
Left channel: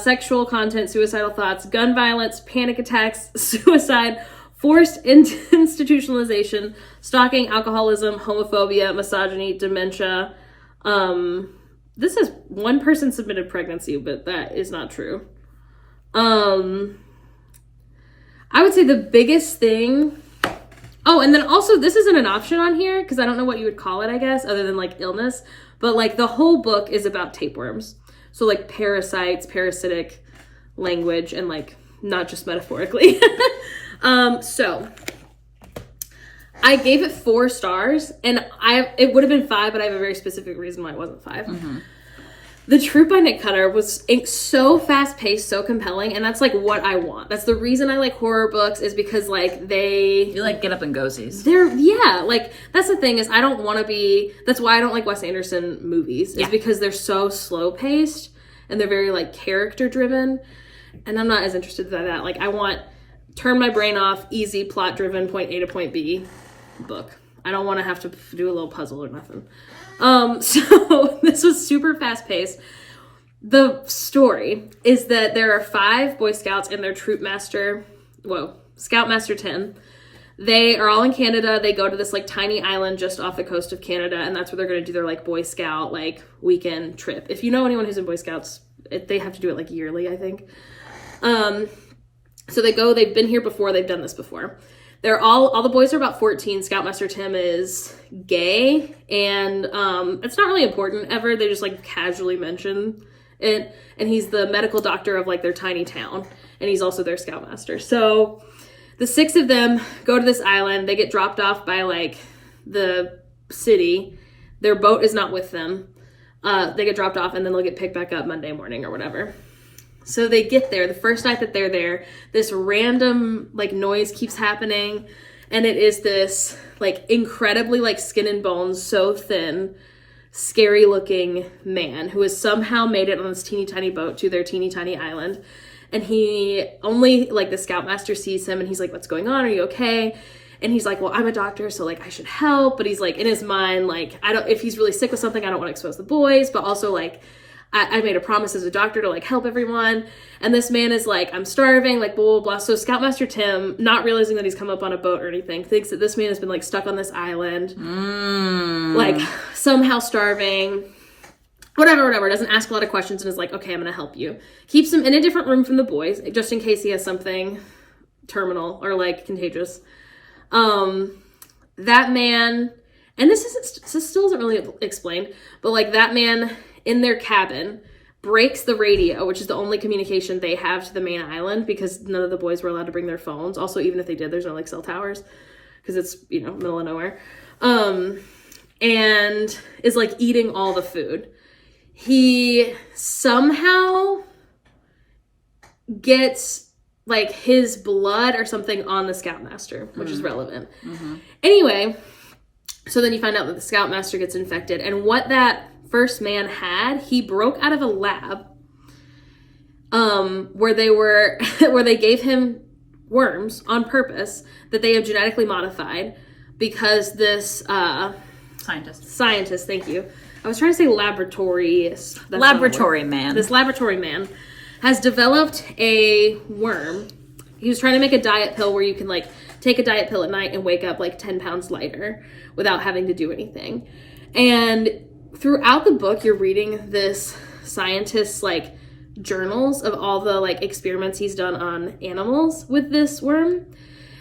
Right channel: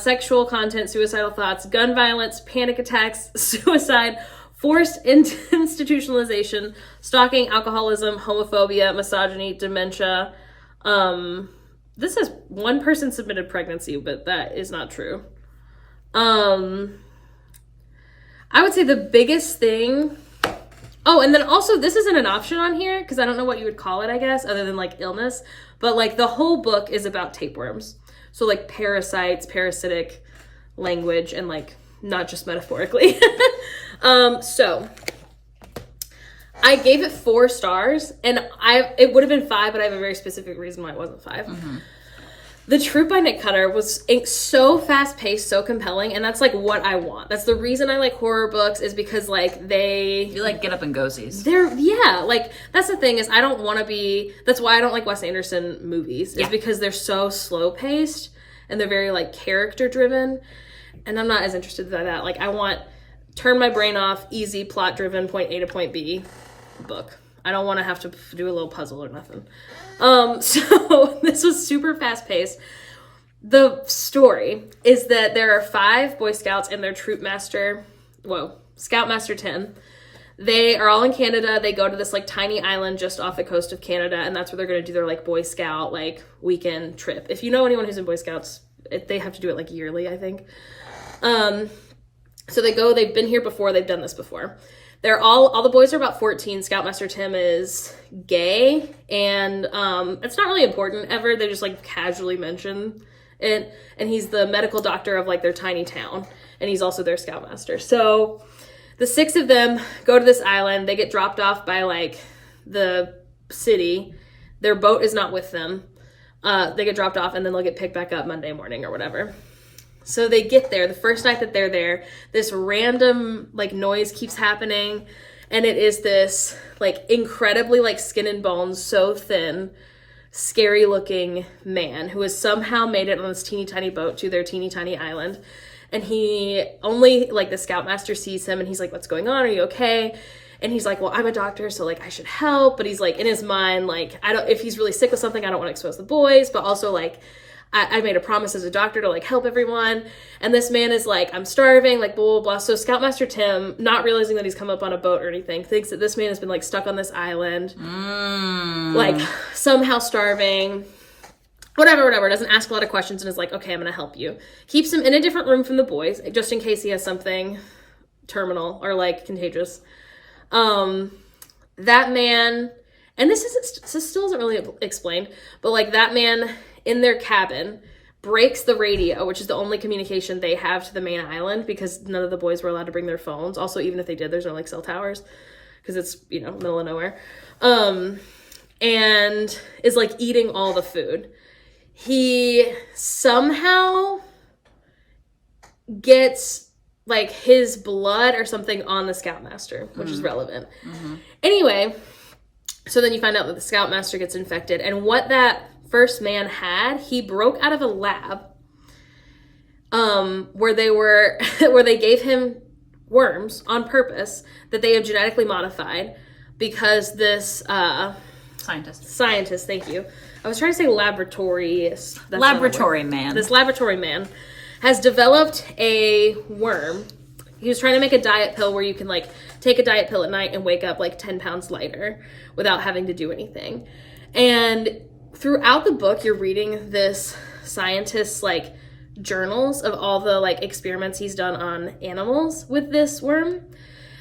sexual content, suicidal thoughts, gun violence, panic attacks, suicide, forced institutionalization, stalking, alcoholism, homophobia, misogyny, dementia. This is one person submitted pregnancy, but that is not true. I would say the biggest thing. Oh, and then also this isn't an option on here because I don't know what you would call it, I guess, other than like illness. But like the whole book is about tapeworms. So like parasites, parasitic language, and like not just metaphorically. So I gave it 4 stars, and it would have been 5, but I have a very specific reason why it wasn't 5. Mm-hmm. The Troop by Nick Cutter was so fast-paced, so compelling, and that's, like, what I want. That's the reason I like horror books, is because, like, You like get up and goesies. That's the thing, is I don't want to be... That's why I don't like Wes Anderson movies, is because they're so slow-paced, and they're very, like, character-driven, and I'm not as interested in that. Like, I want... Turn my brain off, easy, plot-driven, point A to point B book. I don't want to have to do a little puzzle or nothing. So this was super fast-paced. The story is that there are 5 Boy Scouts and their troop master, Scoutmaster Tim. They are all in Canada. They go to this like tiny island just off the coast of Canada, and that's where they're going to do their like Boy Scout like weekend trip. If you know anyone who's in Boy Scouts, they have to do it like yearly, I think. So they go, they've been here before, they've done this before. They're all the boys are about 14. Scoutmaster Tim is gay, and it's not really important ever. They just like casually mention it, and he's the medical doctor of like their tiny town, and he's also their scoutmaster. So the 6 of them go to this island. They get dropped off by like the city. Their boat is not with them. They get dropped off, and then they'll get picked back up Monday morning or whatever. So they get there. The first night that they're there, this random like noise keeps happening, and it is this like incredibly like skin and bones, so thin, scary looking man who has somehow made it on this teeny tiny boat to their teeny tiny island. And he only like the scoutmaster sees him, and he's like, "What's going on? Are you okay?" And he's like, "Well, I'm a doctor, so like I should help." But he's like in his mind, like, if he's really sick with something, I don't want to expose the boys, but also like I made a promise as a doctor to like help everyone. And this man is like, I'm starving, like blah, blah, blah. So Scoutmaster Tim, not realizing that he's come up on a boat or anything, thinks that this man has been like stuck on this island, like somehow starving, whatever, doesn't ask a lot of questions and is like, okay, I'm going to help you. Keeps him in a different room from the boys, just in case he has something terminal or like contagious. That man, and this still isn't really explained, but like that man in their cabin breaks the radio, which is the only communication they have to the main island because none of the boys were allowed to bring their phones. Also, even if they did, there's no like cell towers because it's, you know, middle of nowhere. And is like eating all the food. He somehow gets like his blood or something on the Scoutmaster, which is relevant. Anyway, so then you find out that the Scoutmaster gets infected, and what that first man had, he broke out of a lab where they gave him worms on purpose that they have genetically modified because this scientist, thank you. I was trying to say laboratory man. This laboratory man has developed a worm. He was trying to make a diet pill where you can like take a diet pill at night and wake up like 10 pounds lighter without having to do anything. And throughout the book, you're reading this scientist's like journals of all the like experiments he's done on animals with this worm.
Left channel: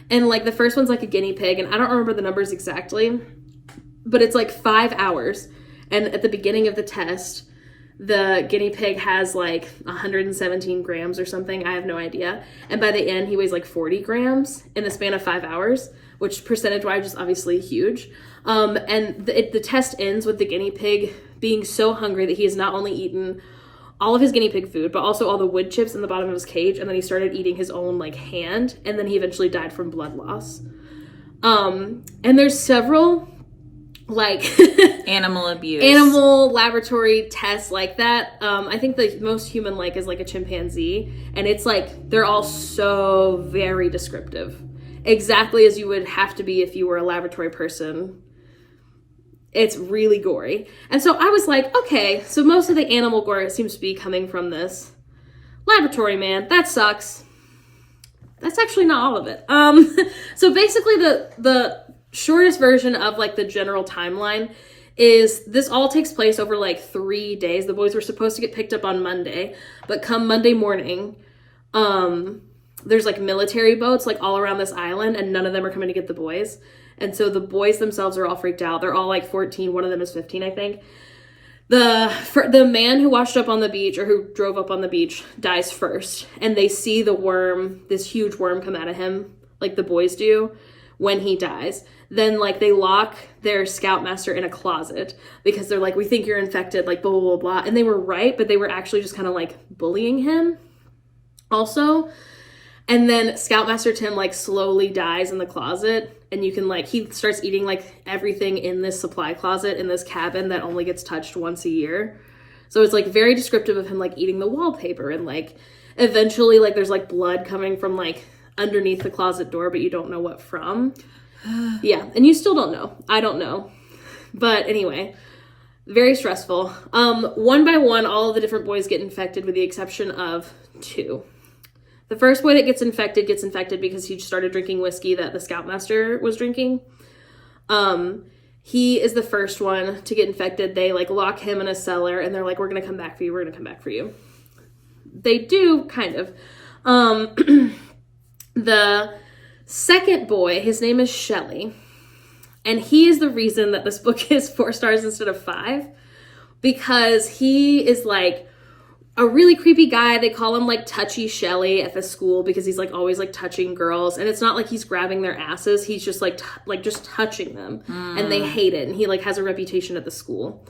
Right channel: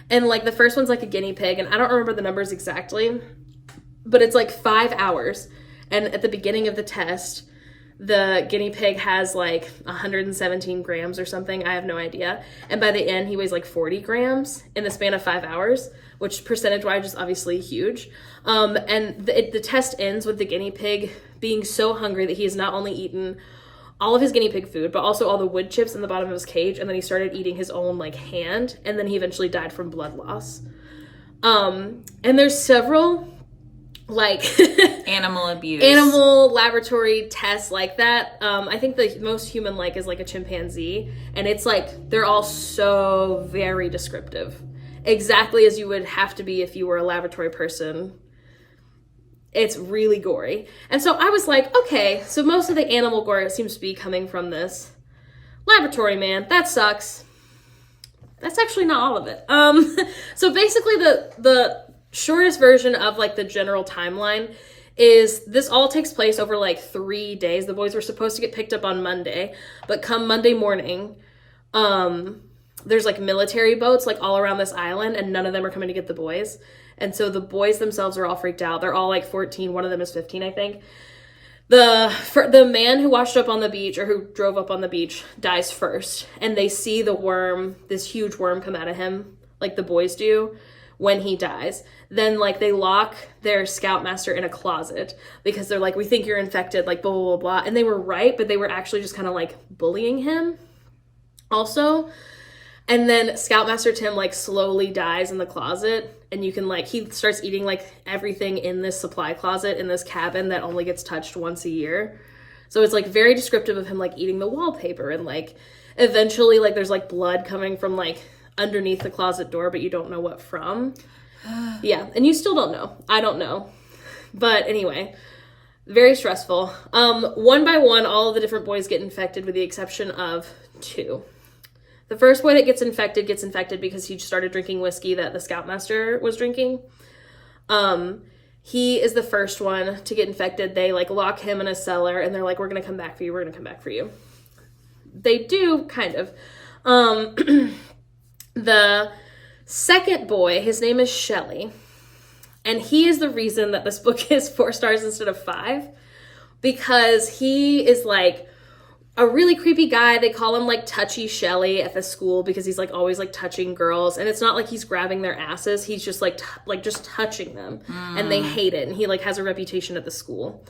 And like the first one's like a guinea pig, and I don't remember the numbers exactly, but it's like 5 hours. And at the beginning of the test, the guinea pig has like 117 grams or something. I have no idea. And by the end, he weighs like 40 grams in the span of 5 hours, which percentage-wise is obviously huge. And the test ends with the guinea pig being so hungry that he has not only eaten all of his guinea pig food, but also all the wood chips in the bottom of his cage. And then he started eating his own like hand. And then he eventually died from blood loss. And there's several like animal laboratory tests like that. I think the most human like is like a chimpanzee, and it's like they're all so very descriptive, exactly as you would have to be if you were a laboratory person. It's really gory. And so I was like, okay, so most of the animal gore seems to be coming from this laboratory man. That sucks. That's actually not all of it. So basically the shortest version of like the general timeline is this all takes place over like 3 days. The boys were supposed to get picked up on Monday, but come Monday morning, there's like military boats like all around this island, and none of them are coming to get the boys. And so the boys themselves are all freaked out. They're all like 14. One of them is 15, I think. The man who washed up on the beach, or who drove up on the beach, dies first. And they see the worm, this huge worm, come out of him, like the boys do, when he dies. Then like they lock their Scoutmaster in a closet because they're like, we think you're infected, like blah, blah, blah, blah. And they were right, but they were actually just kind of like bullying him also. And then Scoutmaster Tim like slowly dies in the closet, and you can like, he starts eating like everything in this supply closet in this cabin that only gets touched once a year. So it's like very descriptive of him like eating the wallpaper, and like eventually like there's like blood coming from like underneath the closet door, but you don't know what from. Yeah, and you still don't know. I don't know. But anyway, very stressful. One by one, all of the different boys get infected with the exception of 2. The first boy that gets infected because he started drinking whiskey that the Scoutmaster was drinking. He is the first one to get infected. They like lock him in a cellar, and they're like, we're going to come back for you. We're going to come back for you. They do, kind of. The second boy, his name is Shelley, and he is the reason that this book is 4 stars instead of 5, because he is like a really creepy guy. They call him like Touchy Shelley at the school because he's like always like touching girls, and it's not like he's grabbing their asses, he's just like just touching them, and they hate it, and he like has a reputation at the school.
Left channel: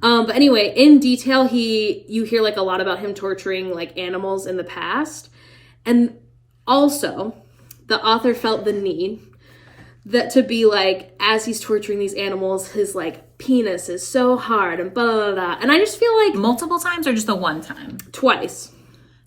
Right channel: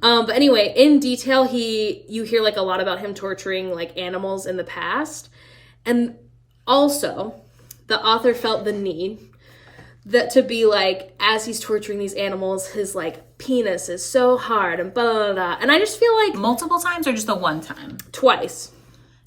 But anyway, in detail, you hear like a lot about him torturing like animals in the past, and also the author felt the need that to be like, as he's torturing these animals, his like penis is so hard and blah, blah, blah. And I just feel like... Multiple times or just the one time? Twice.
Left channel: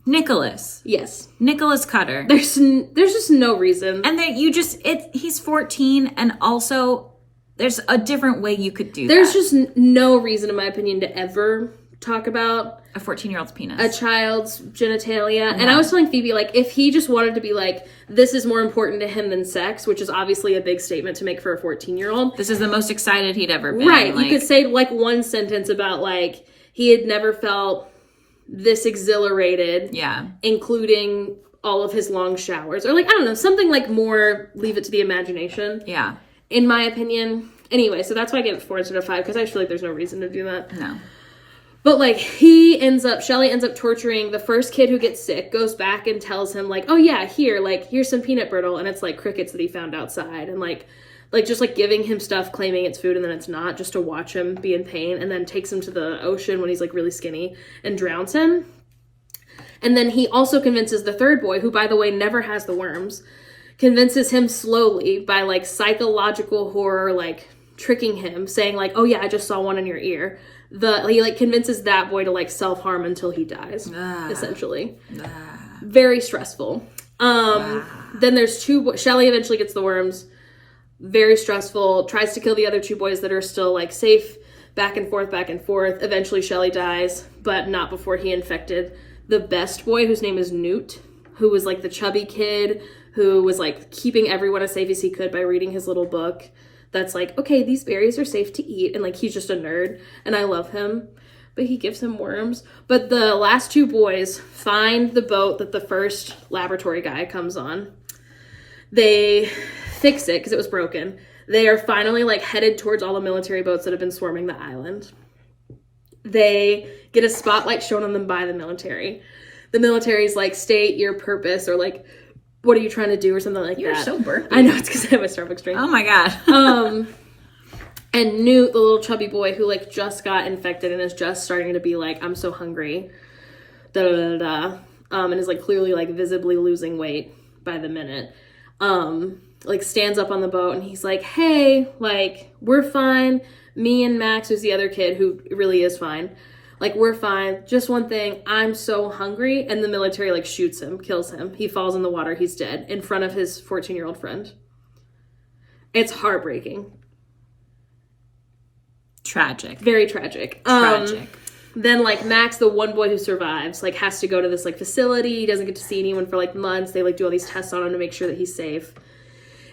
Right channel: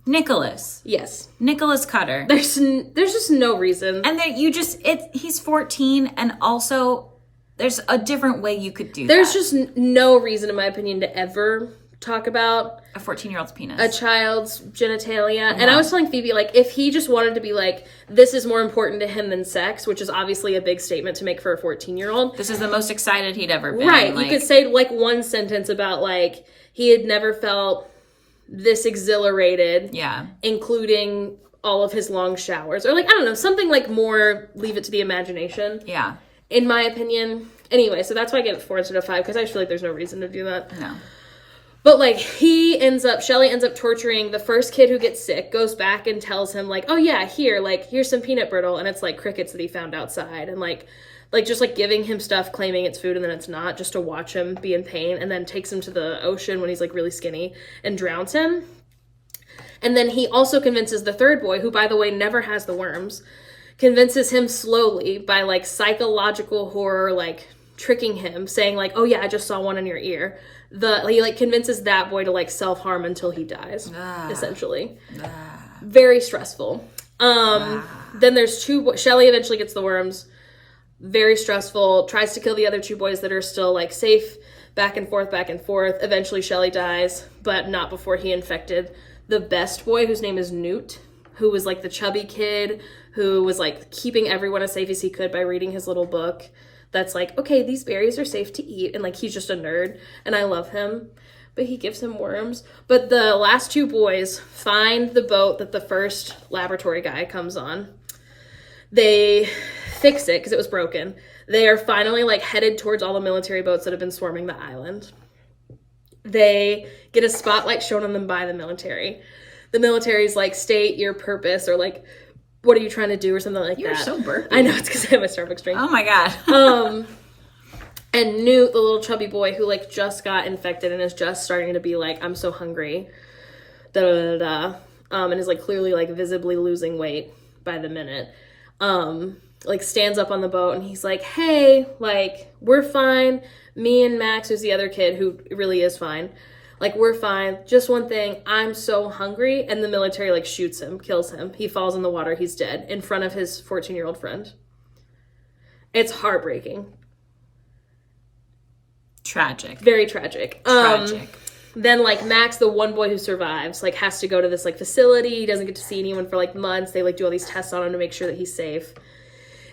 Nicholas. Yes. Nicholas Cutter. There's just no reason. And he's 14, and also there's a different way you could do There's that. just no reason, in my opinion, to ever talk about a 14-year-old's penis, a child's genitalia. And I was telling Phoebe, like, if he just wanted to be like, this is more important to him than sex, which is obviously a big statement to make for a 14-year-old. This is the most excited he'd ever been. Right. Like, you could say, like, one sentence about, like, he had never felt this exhilarated. Yeah. Including all of his long showers. Or, like, I don't know, something, like, more leave it to the imagination. Yeah. In my opinion. Anyway, so that's why I give it 4 instead of 5, because I feel like there's no reason to do that. No. But, like, Shelley ends up torturing the first kid who gets sick, goes back and tells him, like, oh, yeah, here's some peanut brittle, and it's, like, crickets that he found outside, and, like, just, like, giving him stuff, claiming it's food, and then it's not, just to watch him be in pain, and then takes him to the ocean when he's, like, really skinny, and drowns him. And then he also convinces the third boy, who, by the way, never has the worms, convinces him slowly by, like, psychological horror, like, tricking him, saying, like, oh, yeah, I just saw one in your ear. He, like, convinces that boy to, like, self-harm until he dies, essentially. Very stressful. Then there's 2 boys. Shelley eventually gets the worms. Very stressful. Tries to kill the other 2 boys that are still, like, safe. Back and forth, back and forth. Eventually Shelley dies, but not before he infected the best boy, whose name is Newt, who was, like, the chubby kid who was, like, keeping everyone as safe as he could by reading his little book that's like, okay, these berries are safe to eat, and, like, he's just a nerd, and I love him, but he gives him worms. But the last 2 boys find the boat that the first laboratory guy comes on. They fix it, because it was broken. They are finally, like, headed towards all the military boats that have been swarming the island. They get a spotlight shown on them by the military. The military's like, state your purpose, or, like, what are you trying to do, or something like that. You're so burpy. I know, it's because I have a Starbucks drink. Oh my god. And Newt, the little chubby boy who, like, just got infected and is just starting to be like, I'm so hungry, and is, like, clearly, like, visibly losing weight by the minute, like, stands up on the boat, and he's like, hey, like, we're fine. Me and Max, who's the other kid who really is fine, like, we're fine. Just one thing, I'm so hungry. And the military, like, shoots him, kills him. He falls in the water. He's dead in front of his 14-year-old friend. It's heartbreaking. Tragic. Very tragic. Tragic. Then, like, Max, the one boy who survives, like, has to go to this, like, facility. He doesn't get to see anyone for, like, months. They, like, do all these tests on him to make sure that he's safe.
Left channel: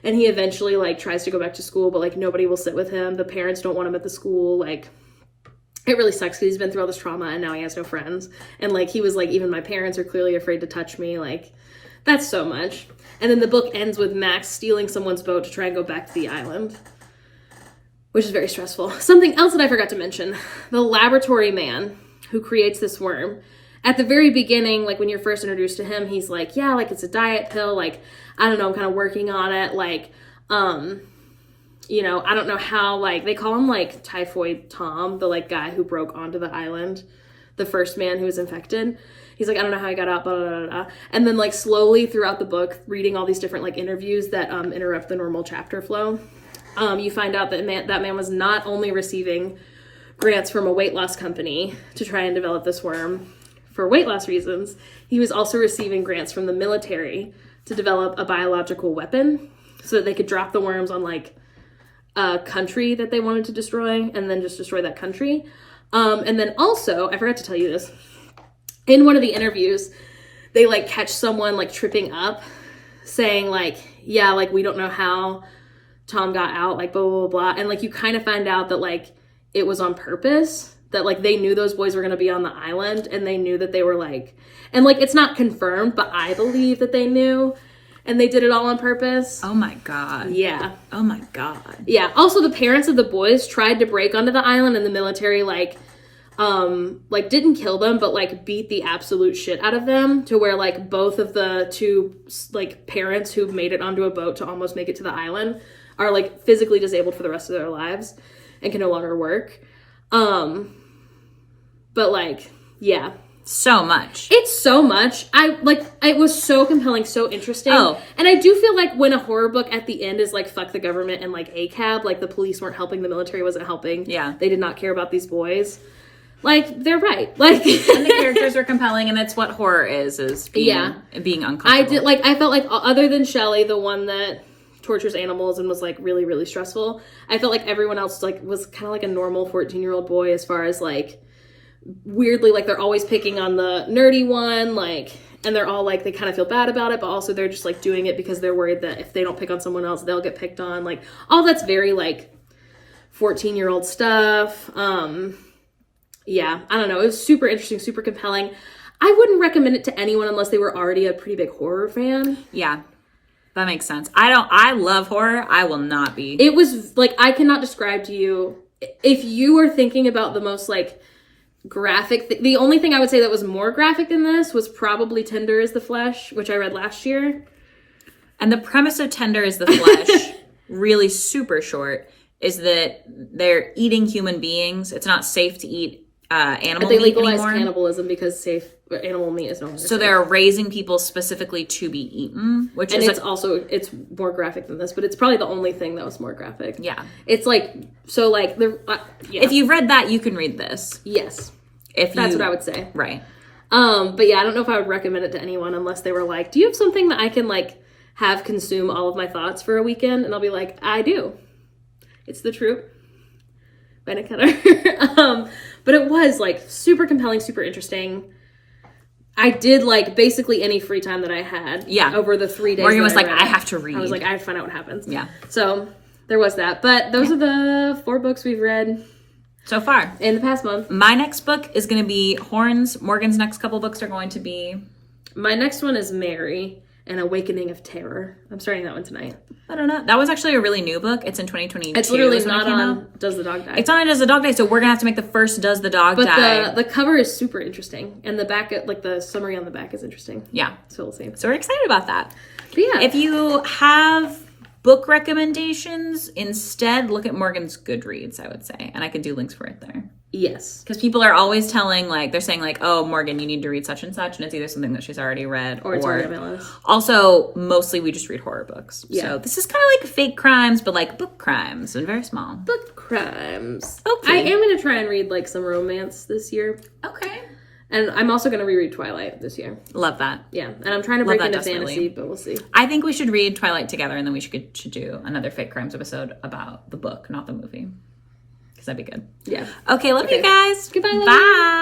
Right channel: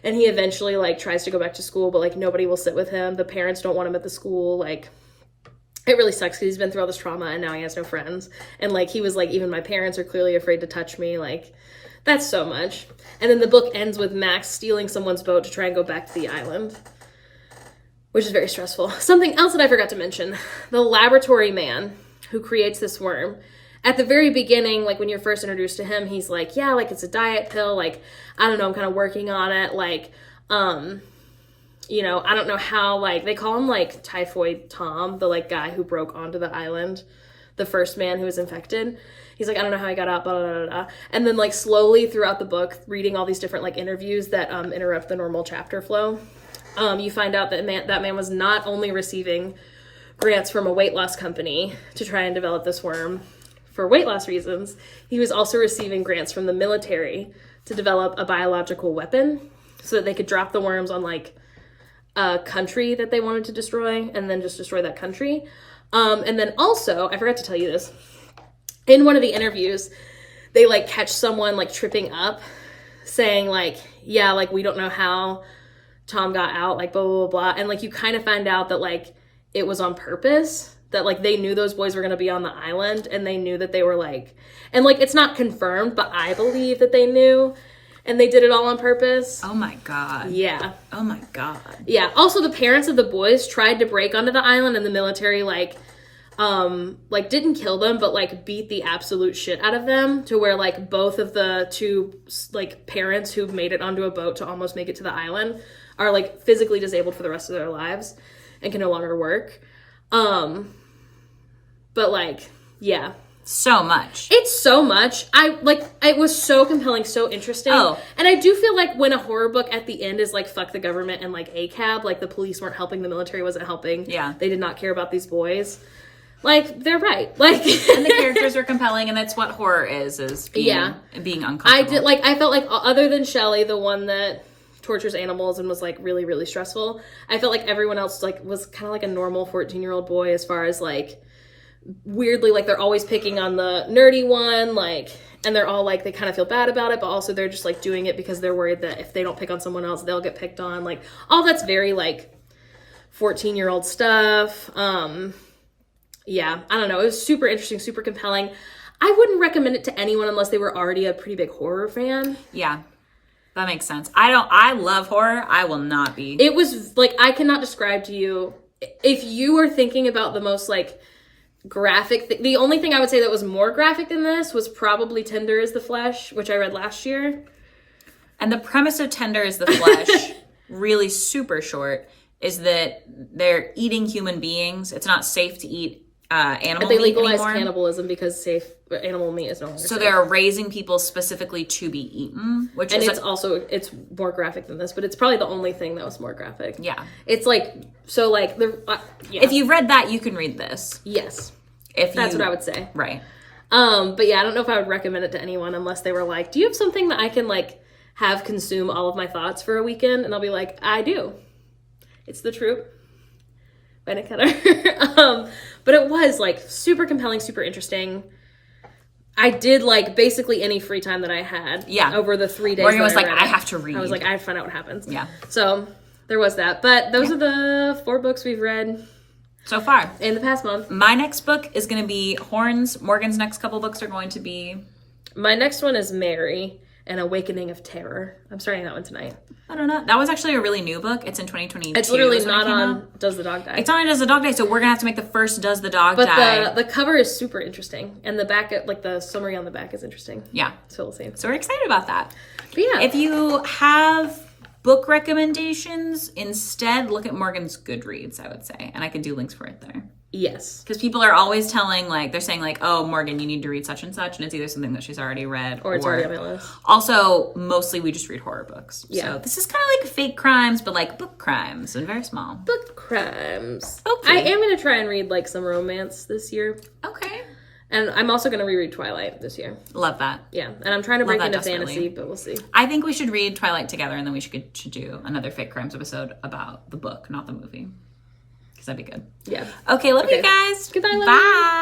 And he eventually, like, tries to go back to school, but, like, nobody will sit with him. The parents don't want him at the school. Like, it really sucks because he's been through all this trauma and now he has no friends. And, like, he was like, even my parents are clearly afraid to touch me. Like, that's so much. And then the book ends with Max stealing someone's boat to try and go back to the island, which is very stressful. Something else that I forgot to mention, the laboratory man who creates this worm, at the very beginning, like, when you're first introduced to him, he's like, yeah, like, it's a diet pill, like, I don't know, I'm kind of working on it, like, you know, I don't know how, like, they call him, like, Typhoid Tom, the, like, guy who broke onto the island, the first man who was infected. He's like, I don't know how I got out, blah, blah, blah, blah. And then, like, slowly throughout the book, reading all these different, like, interviews that interrupt the normal chapter flow, you find out that that man was not only receiving grants from a weight loss company to try and develop this worm for weight loss reasons, he was also receiving grants from the military to develop a biological weapon so that they could drop the worms on, like, a country that they wanted to destroy and then just destroy that country. And then also, I forgot to tell you this, in one of the interviews, they, like, catch someone, like, tripping up, saying, like, yeah, like, we don't know how Tom got out, like, blah, blah, blah, blah. And, like, you kind of find out that, like, it was on purpose, that, like, they knew those boys were going to be on the island, and they knew that they were, like, and, like, it's not confirmed, but I believe that they knew, and they did it all on purpose. Oh my god. Yeah. Oh my god. Yeah. Also, the parents of the boys tried to break onto the island, and the military, like, didn't kill them, but, like, beat the absolute shit out of them to where, like, both of the 2, like, parents who made it onto a boat to almost make it to the island are, like, physically disabled for the rest of their lives and can no longer work. But, like, yeah. So much. It's so much. It was so compelling, so interesting. Oh. And I do feel like when a horror book at the end is like, fuck the government and, like, ACAB, like, the police weren't helping, the military wasn't helping. Yeah. They did not care about these boys. Like, they're right. Like, and the characters are compelling, and that's what horror is being uncomfortable. I felt like, other than Shelley, the one that tortures animals and was, like, really, really stressful, I felt like everyone else, like, was kind of like a normal 14-year-old boy as far as, like, weirdly, like, they're always picking on the nerdy one, like, and they're all, like, they kind of feel bad about it, but also they're just, like, doing it because they're worried that if they don't pick on someone else, they'll get picked on. Like, all that's very, like, 14-year-old stuff. Yeah, I don't know. It was super interesting, super compelling. I wouldn't recommend it to anyone unless they were already a pretty big horror fan. Yeah, that makes sense. I love horror. I will not be. It was, like, I cannot describe to you, if you were thinking about the most, like, graphic, the only thing I would say that was more graphic than this was probably Tender is the Flesh, which I read last year. And the premise of Tender is the Flesh, really super short, is that they're eating human beings. It's not safe to eat animal they meat legalized anymore. cannibalism because animal meat is no longer So safe. they're raising people specifically to be eaten, which And is it's more graphic than this, but it's probably the only thing that was more graphic. yeah. It's like, so like, yeah. If you've read that, you can read this. Yes. That's That's what I would say. Right. But yeah, I don't know if I would recommend it to anyone unless they were like, do you have something that I can, like, have consume all of my thoughts for a weekend? And I'll be like, I do. It's The Troop by Nick Keller. But it was, like, super compelling, super interesting. I did, like, basically any free time that I had. Yeah. Over the 3 days. Morgan was like, read I it. have to read. I was like, I have to find out what happens. Yeah. So there was that. But those are the 4 books we've read So far. in the past month. My next book is going to be Horns. Morgan's next couple books are going to be... My next one is Mary, An Awakening of Terror. I'm starting that one tonight. I don't know. That was actually a really new book. It's in 2022. It's literally is when not it came on out. Does the Dog Die? It's on Does the Dog Die, so we're going to have to make the first Does the Dog Die. But the cover is super interesting. And the back, like the summary on the back is interesting. Yeah. So we'll see. So we're excited about that. But yeah. If you have book recommendations, instead look at Morgan's Goodreads, I would say. And I can do links for it there. Yes. Because people are always telling, like, they're saying, like, oh, Morgan, you need to read such and such. And it's either something that she's already read Or it's already on my list. Also, mostly we just read horror books. Yeah. So this is kind of like fake crimes, but like book crimes and very small. Book crimes. Okay. I am going to try and read, like, some romance this year. Okay. And I'm also going to reread Twilight this year. Love that. Yeah. And I'm trying to Love break that into desperately. fantasy, but we'll see. I think we should read Twilight together, and then we should do another fake crimes episode about the book, not the movie. Because that'd be good. Yeah. Okay, love you Okay. guys. Goodbye, love you. Bye.